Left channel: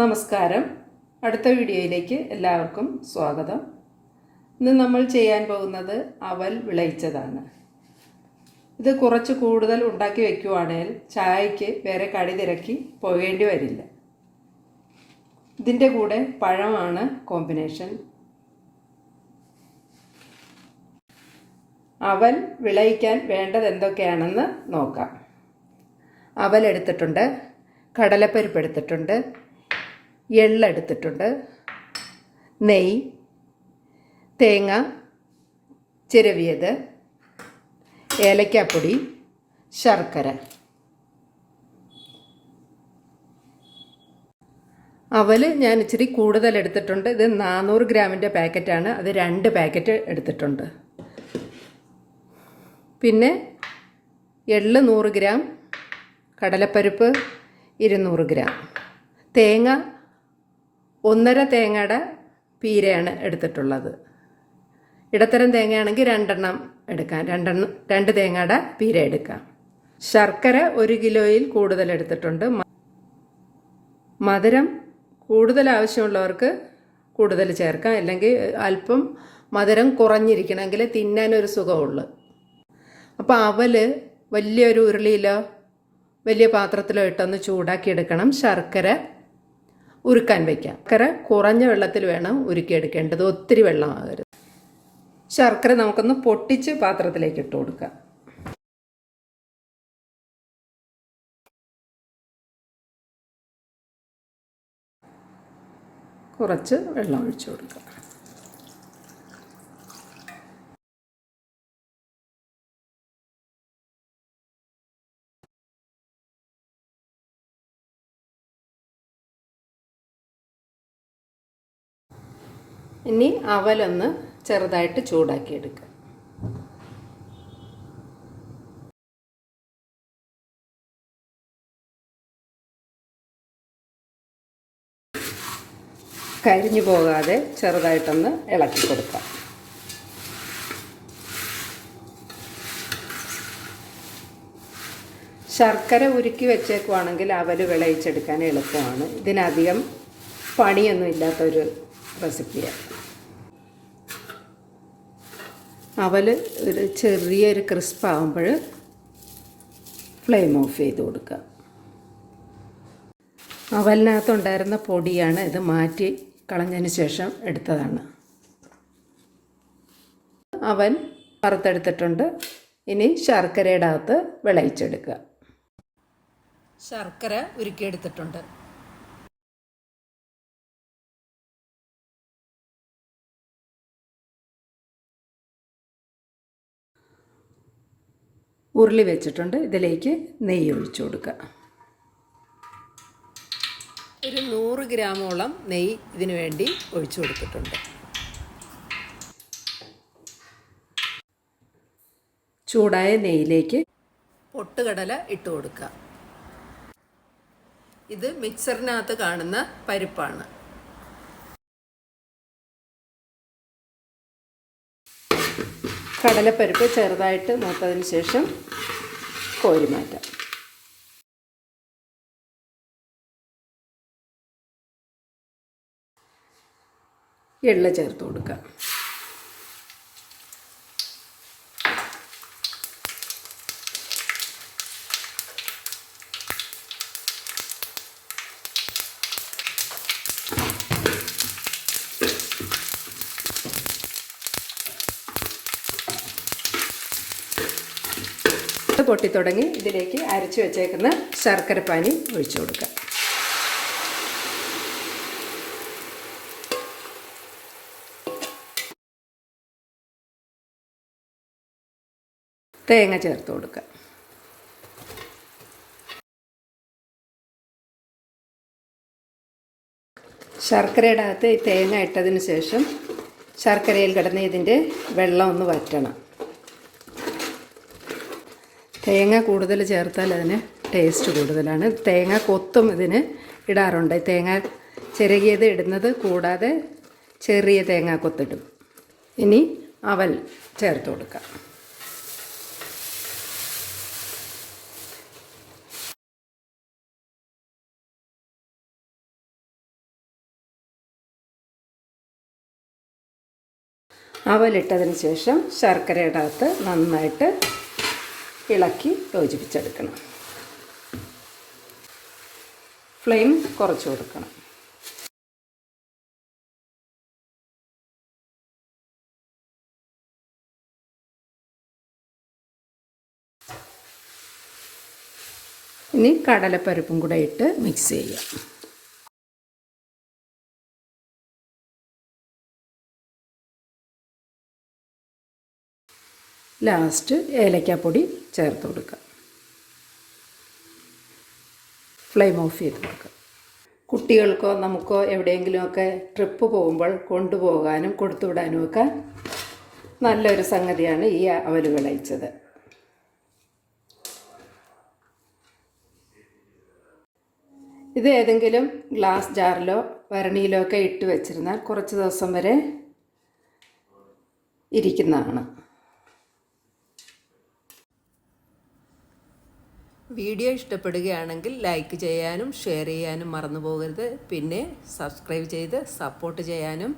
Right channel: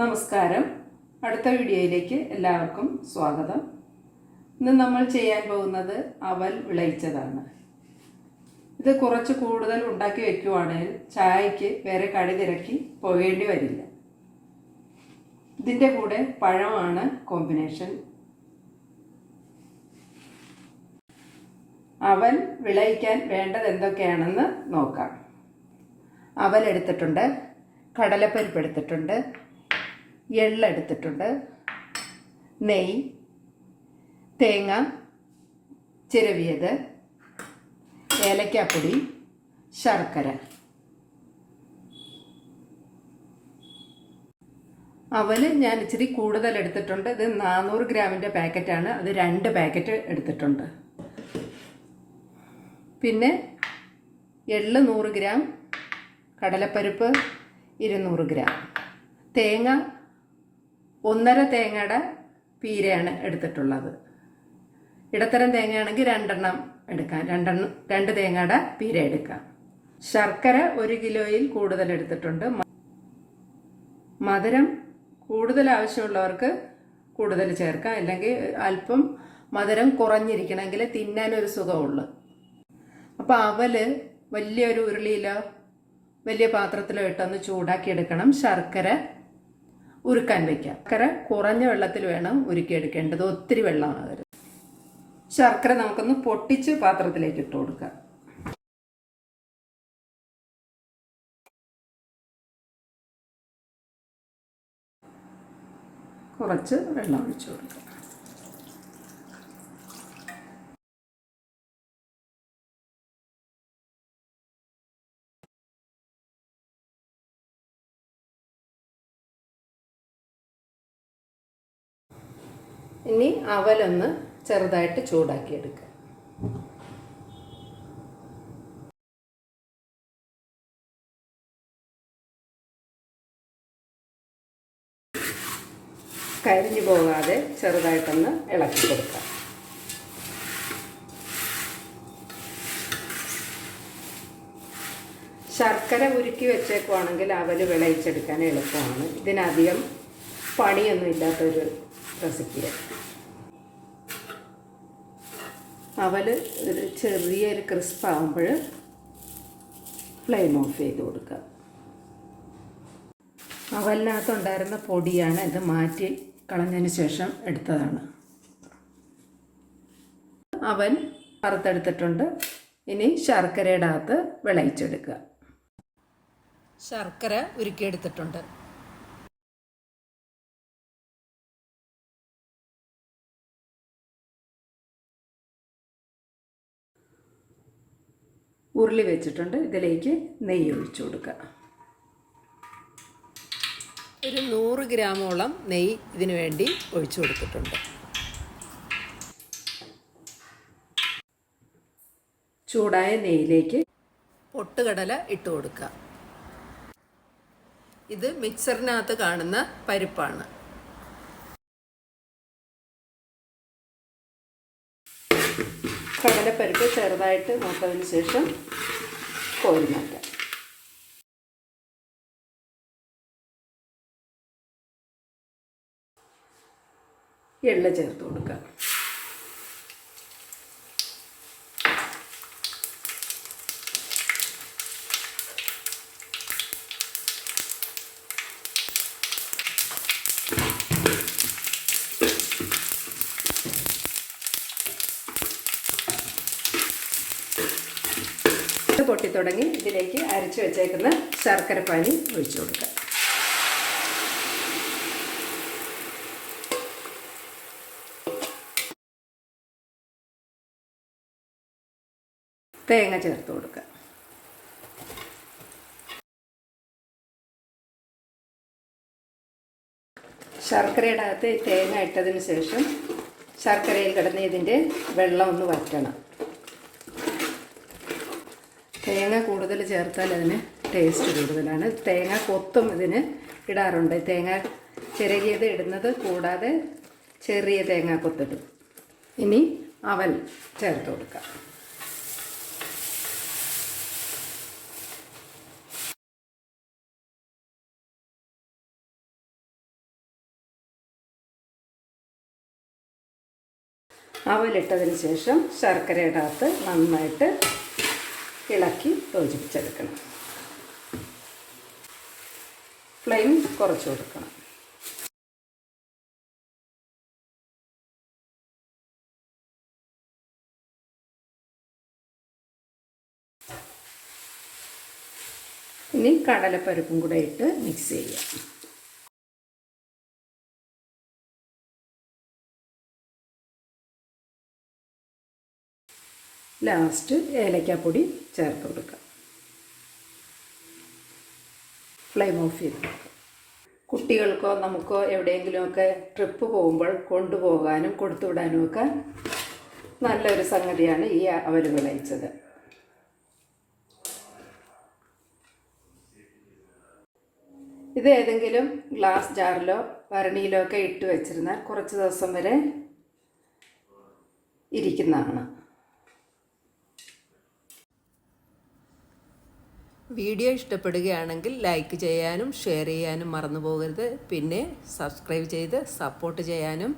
നമസ്കാരം. അടുത്ത വീഡിയോയിലേക്ക് എല്ലാവർക്കും സ്വാഗതം. ഇന്ന് നമ്മൾ ചെയ്യാൻ പോകുന്നത് അവൽ വിളയിച്ചതാണ്. ഇത് കുറച്ച് കൂടുതൽ ഉണ്ടാക്കി വെക്കുവാണെങ്കിൽ ചായക്ക് വേറെ കടി തിരക്കി പോകേണ്ടി വരില്ല. ഇതിന്റെ കൂടെ പഴമാണ് കോമ്പിനേഷൻ. അവൽ വിളയിക്കാൻ വേണ്ടത് എന്തൊക്കെയാണെന്ന് നോക്കാം. അവൽ എടുത്തിട്ടുണ്ട് കടലപ്പരിപ്പ് എടുത്തിട്ടുണ്ട് എള്ളെടുത്തിട്ടുണ്ട് നെയ് തേങ്ങ ചിരവിയത് ഏലക്കാപ്പൊടി ശർക്കര. അവൽ ഞാൻ ഇച്ചിരി കൂടുതൽ എടുത്തിട്ടുണ്ട്. ഇത് നാനൂറ് ഗ്രാമിന്റെ പാക്കറ്റാണ്. അത് രണ്ട് പാക്കറ്റ് എടുത്തിട്ടുണ്ട്. പിന്നെ എള്ള് നൂറ് ഗ്രാം കടലപ്പരിപ്പ് ഇരുന്നൂറ് ഗ്രാം തേങ്ങ ഒന്നര തേങ്ങയുടെ പീരയാണ് എടുത്തിട്ടുള്ളത്. ഇടത്തരം തേങ്ങയാണെങ്കിൽ രണ്ടെണ്ണം എടുക്കാം. രണ്ടെണ്ണം രണ്ട് തേങ്ങയുടെ പീര എടുക്കാം. ശർക്കര ഒരു കിലോയിൽ കൂടുതൽ എടുത്തിട്ടുണ്ട്. മധുരം കൂടുതൽ ആവശ്യമുള്ളവർക്ക് കൂടുതൽ ചേർക്കാം. അല്ലെങ്കിൽ അല്പം മധുരം കുറഞ്ഞിരിക്കണമെങ്കിൽ തിന്നാനൊരു സുഖമുള്ളൂ. അപ്പോൾ അവൽ വലിയൊരു ഉരുളിയിലോ വലിയ പാത്രത്തിലോ ഇട്ടൊന്ന് ചൂടാക്കി എടുക്കണം ശർക്കര ഉരുക്കാൻ വയ്ക്കാം ശർക്കര കുറഞ്ഞ വെള്ളത്തിൽ വേണം ഉരുക്കിയെടുക്കേണ്ടത്. ഒത്തിരി വെള്ളമാകരുത് ശർക്കര നമുക്കൊന്ന് പൊട്ടിച്ച് പാത്രത്തിലേക്ക് ഇട്ട് കൊടുക്കാം. കുറച്ച് വെള്ളം ഒഴിച്ചു കൊടുക്കാം. ഇനി അവലൊന്ന് ചെറുതായിട്ട് ചൂടാക്കി എടുക്കുക കരിഞ്ഞു പോകാതെ ചെറുതായിട്ടൊന്ന് ഇളക്കി കൊടുക്കാം ശർക്കര ഉരുക്കി വെച്ചേക്കുവാണെങ്കിൽ അവൽ വിളയിച്ചെടുക്കാൻ എളുപ്പമാണ്. ഇതിനധികം പണിയൊന്നും ഇല്ലാത്തൊരു റെസിപ്പിയാണ്. അവൽ ഒരു ചെറിയൊരു ക്രിസ്പ് ആകുമ്പോൾ ഫ്ലെയിം ഓഫ് ചെയ്ത് കൊടുക്കുക. അവലിനകത്തുണ്ടായിരുന്ന പൊടിയാണ് ഇത് മാറ്റി കളഞ്ഞതിന് ശേഷം എടുത്തതാണ്. അവൻ വറുത്തെടുത്തിട്ടുണ്ട്. ഇനി ശർക്കരയുടെ അകത്ത് വിളയിച്ചെടുക്കുക. ശർക്കര ഉരുക്കിയെടുത്തിട്ടുണ്ട്. ഉരുളി വെച്ചിട്ടുണ്ട്. ഇതിലേക്ക് നെയ്യ് ഒഴിച്ചു കൊടുക്കുക. ഒരു നൂറ് ഗ്രാമോളം നെയ്യ് ഇതിനു വേണ്ടി ഒഴിച്ചു കൊടുത്തിട്ടുണ്ട്. ചൂടായ നെയ്യിലേക്ക് പൊട്ടുകടല ഇട്ട് കൊടുക്കുക. ഇത് മിക്സറിനകത്ത് കാണുന്ന പരിപ്പാണ്. കടലപ്പരിപ്പ് ചെറുതായിട്ട് മൂത്തതിന് ശേഷം കോരി മാറ്റാം. എള്ള ചേർത്ത് കൊടുക്കാം. പൊട്ടിത്തുടങ്ങി ഇതിലേക്ക് അരച്ചു വെച്ചേക്കുന്ന ശർക്കര പാനി ഒഴിച്ചു കൊടുക്കാം. തേങ്ങ ചേർത്ത് കൊടുക്കുക. ശർക്കരയുടെ അകത്ത് തേങ്ങ ഇട്ടതിന് ശേഷം ശർക്കരയിൽ കിടന്ന് ഇതിന്റെ വെള്ളം ഒന്ന് വറ്റണം. തേങ്ങ കൂടുതൽ ചേർത്താൽ അതിന് ടേസ്റ്റ് കൂടുതലാണ്. തേങ്ങ കൊത്തും ഇതിന് ഇടാറുണ്ട്. തേങ്ങ ചെറുകിയത് ഇടുന്നത് കൂടാതെ ചെറിയ തേങ്ങ കൊത്തിടും. ഇനി അവൽ ചേർത്ത് കൊടുക്കാം. അവലിട്ടതിന് ശേഷം ശർക്കരയുടെ അകത്ത് നന്നായിട്ട് ഇളക്കി യോജിപ്പിച്ചെടുക്കണം. ഫ്ലെയിം കുറച്ച് കൊടുക്കണം. ഇനി കടലപ്പരിപ്പും കൂടെ ഇട്ട് മിക്സ് ചെയ്യാം. ലാസ്റ്റ് ഏലക്കാപ്പൊടി ചേർത്ത് കൊടുക്കുക. ഫ്ലെയിം ഓഫ് ചെയ്ത് കൊടുക്കുക. കുട്ടികൾക്കോ നമുക്കോ എവിടെയെങ്കിലുമൊക്കെ ട്രിപ്പ് പോകുമ്പോൾ കൊണ്ടുപോകാനും കൊടുത്തുവിടാനും ഒക്കെ നല്ലൊരു സംഗതിയാണ് ഈ അവർ വിളയിച്ചത് ഇത് ഏതെങ്കിലും ഗ്ലാസ് ജാറിലോ ഭരണിയിലോ ഒക്കെ ഇട്ട് വെച്ചിരുന്നാൽ കുറച്ച് ദിവസം വരെ ഇരിക്കുന്നതാണ്. വീഡിയോ ഇഷ്ടപ്പെടുകയാണെങ്കിൽ ലൈക്ക് ചെയ്യാനും ഷെയർ ചെയ്യാനും മറന്നു പോകരുത്. പിന്നെ സബ്സ്ക്രൈബ് ചെയ്ത് സപ്പോർട്ട് ചെയ്യാനും.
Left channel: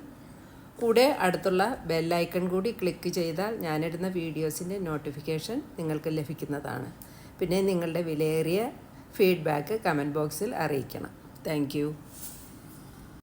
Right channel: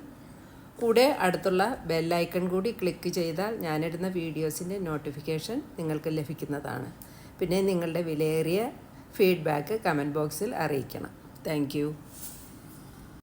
കൂടെ അടുത്തുള്ള ബെല്ലൈക്കൺ കൂടി ക്ലിക്ക് ചെയ്താൽ ഞാനിടുന്ന വീഡിയോസിന്റെ നോട്ടിഫിക്കേഷൻ നിങ്ങൾക്ക് ലഭിക്കുന്നതാണ്. പിന്നെ നിങ്ങളുടെ വിലയേറിയ ഫീഡ്ബാക്ക് കമന്റ് ബോക്സിൽ അറിയിക്കണം. താങ്ക്